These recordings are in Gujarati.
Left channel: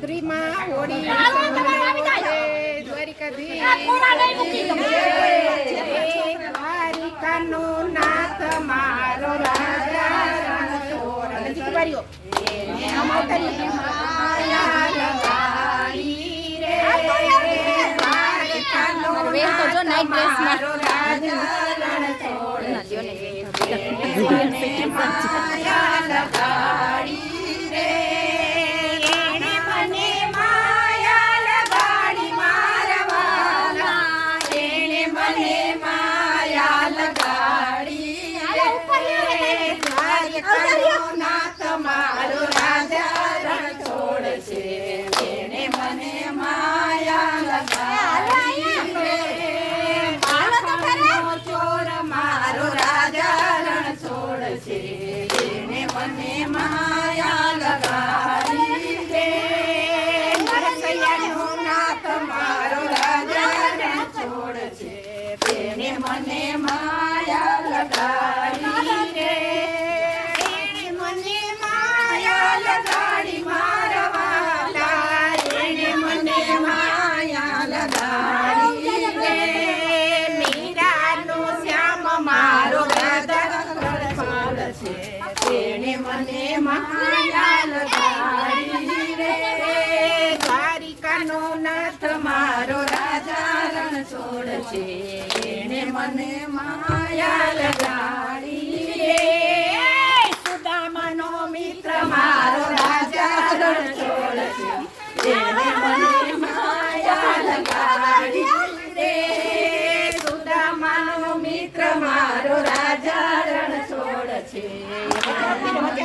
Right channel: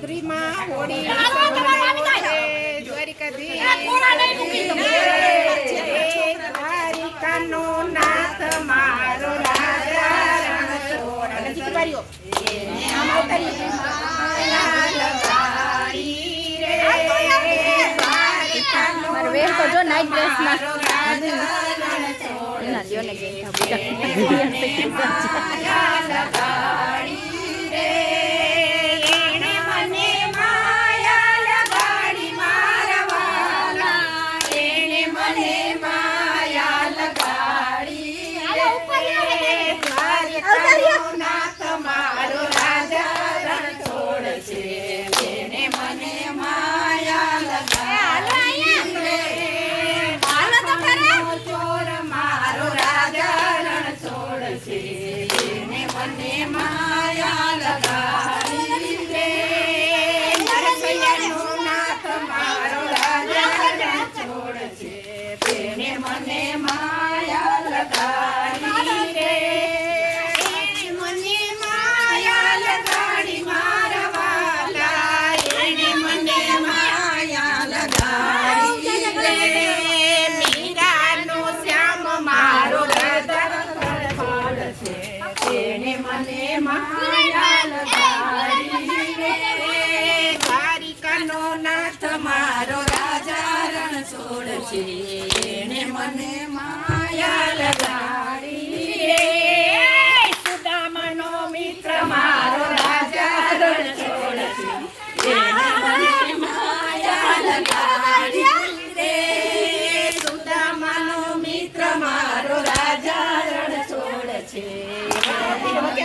નવરાત્રિમાં હોળી દ્વારિકાધીશ દ્વારિકાનો નાથ મારો રાજા રણછોડ નજીક વાળ્યો આમ અવતારી દ્વારિકાનો નાથ મારો રાજા રણછોડ મારો રાજા રણછોડ છે એને મને માયા લગાડી ચોર મારો રાજા રણછોડ છે એને મને માયા લગાડી રે નરસૈયાનો નાથ મારો રાજા રણછોડ છે તેને મને માયા લગાડી રે લગાડી મારા વાલા એને મને માયા લગાડી રે મીરાનો શ્યામ મારો રાજા રણછોડ છે એને મને માયા લગાડી રે દ્વારિકાનો નાથ મારો રાજા રણછોડ છે એને મને માયા લગાડી રે મારો રાજા રણછોડ છે એને મને માયા લગાડી રે સુદામાનો મિત્ર મારો રાજા રણછોડ છે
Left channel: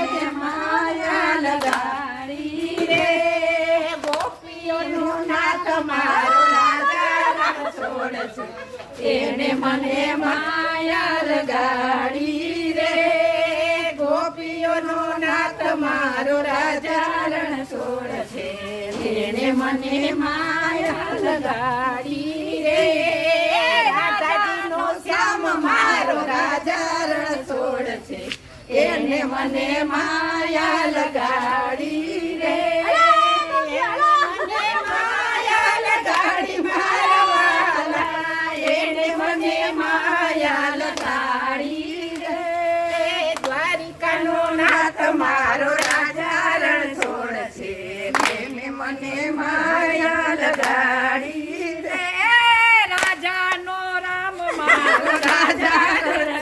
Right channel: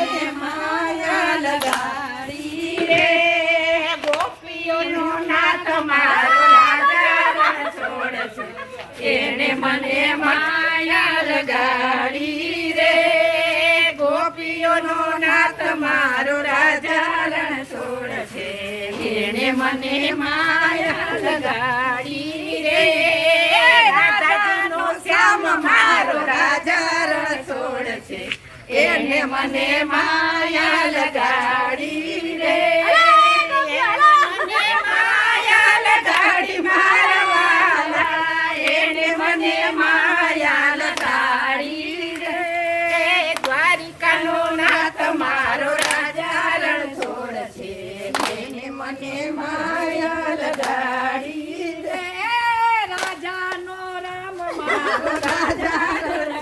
એને માયા લગાડી રે ગોપીઓનો નાથ મારો રાજા રણછોડ છે એને મને માયા લગાડી રે ગોપીઓનો નાથ મારો રાજા રણછોડ છે એને મને માયા લગાડી રે રાધાજીનો શ્યામ મારો રાજા રણછોડ છે એને મને માયા લગાડી રે માયા લગાડી મારા વાલા એને મને માયા લગાડી રે દ્વારિકાનો નાથ મારો રાજા રણછોડ છે એને મને માયા લગાડી રે રાજાનો રામ મારો રાજા